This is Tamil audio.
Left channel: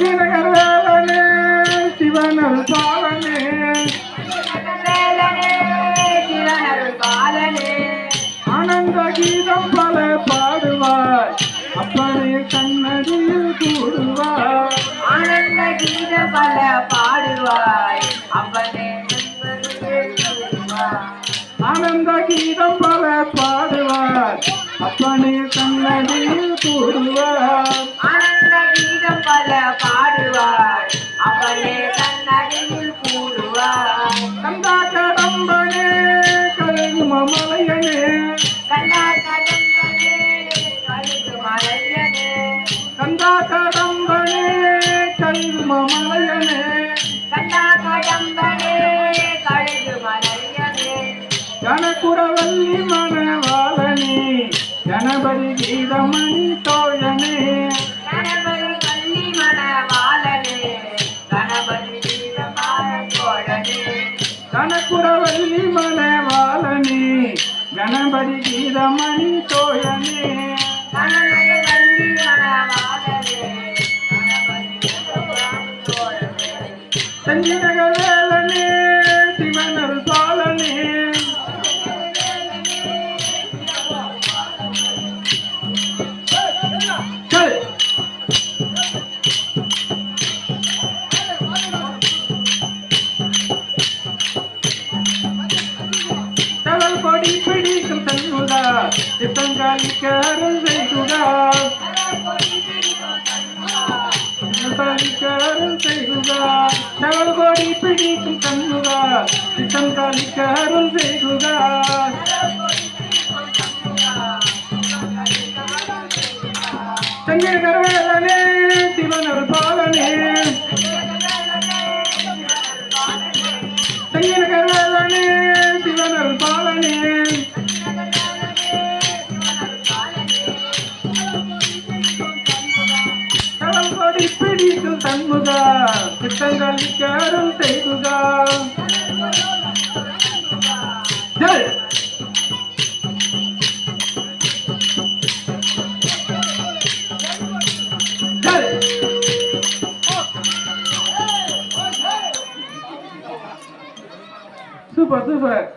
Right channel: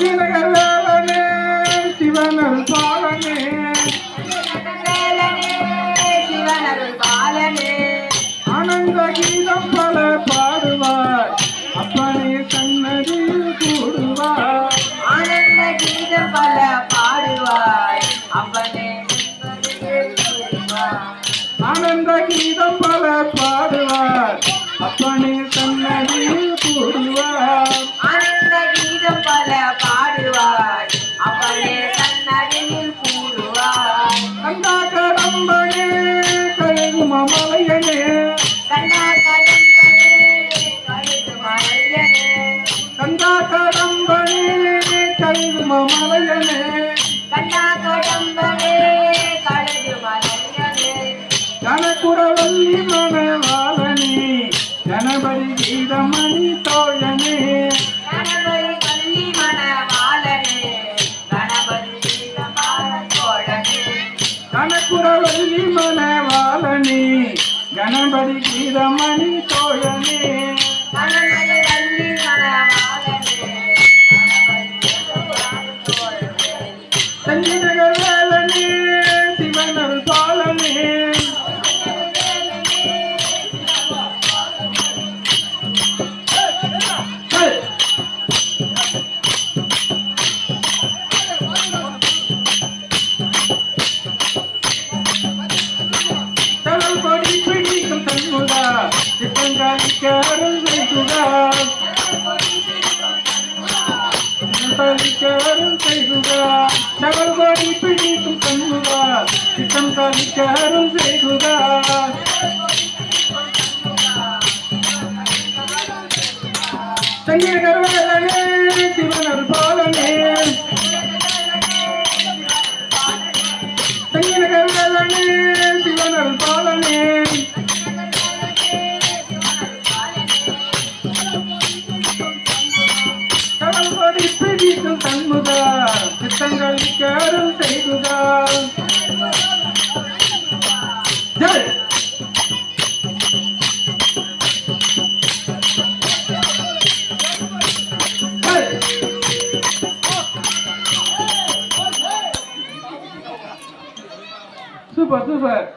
சிவகர்வாலனே சிவனல் பாலனே ஆனந்த கீதம் பல பாடுவார். அப்பனை கண்ணதியில் கூடுவார். ஆனந்த கீதம் பல பாடுவார். அப்பனே ஆனந்த கீதம் பல பாடுவார். அப்பனே மலையனே மன செஞ்சிநகர் வேலனே சிவனரு பாலனே ஹே! தலை கொடி பிடிக்கும் தன்னுதா சிப்பங்காலிக்க அருள் செய்குதா சிப்பங்காலிக்க அருள் నవబడి పిడికి కన్నుగా పితం కాలిచారు వేగుగా. సంగీత గర్వాలనే శివన పాలనే సంగీత గర్వాలనే శివన పాలనే పిడికి కన్నుగా Và tư.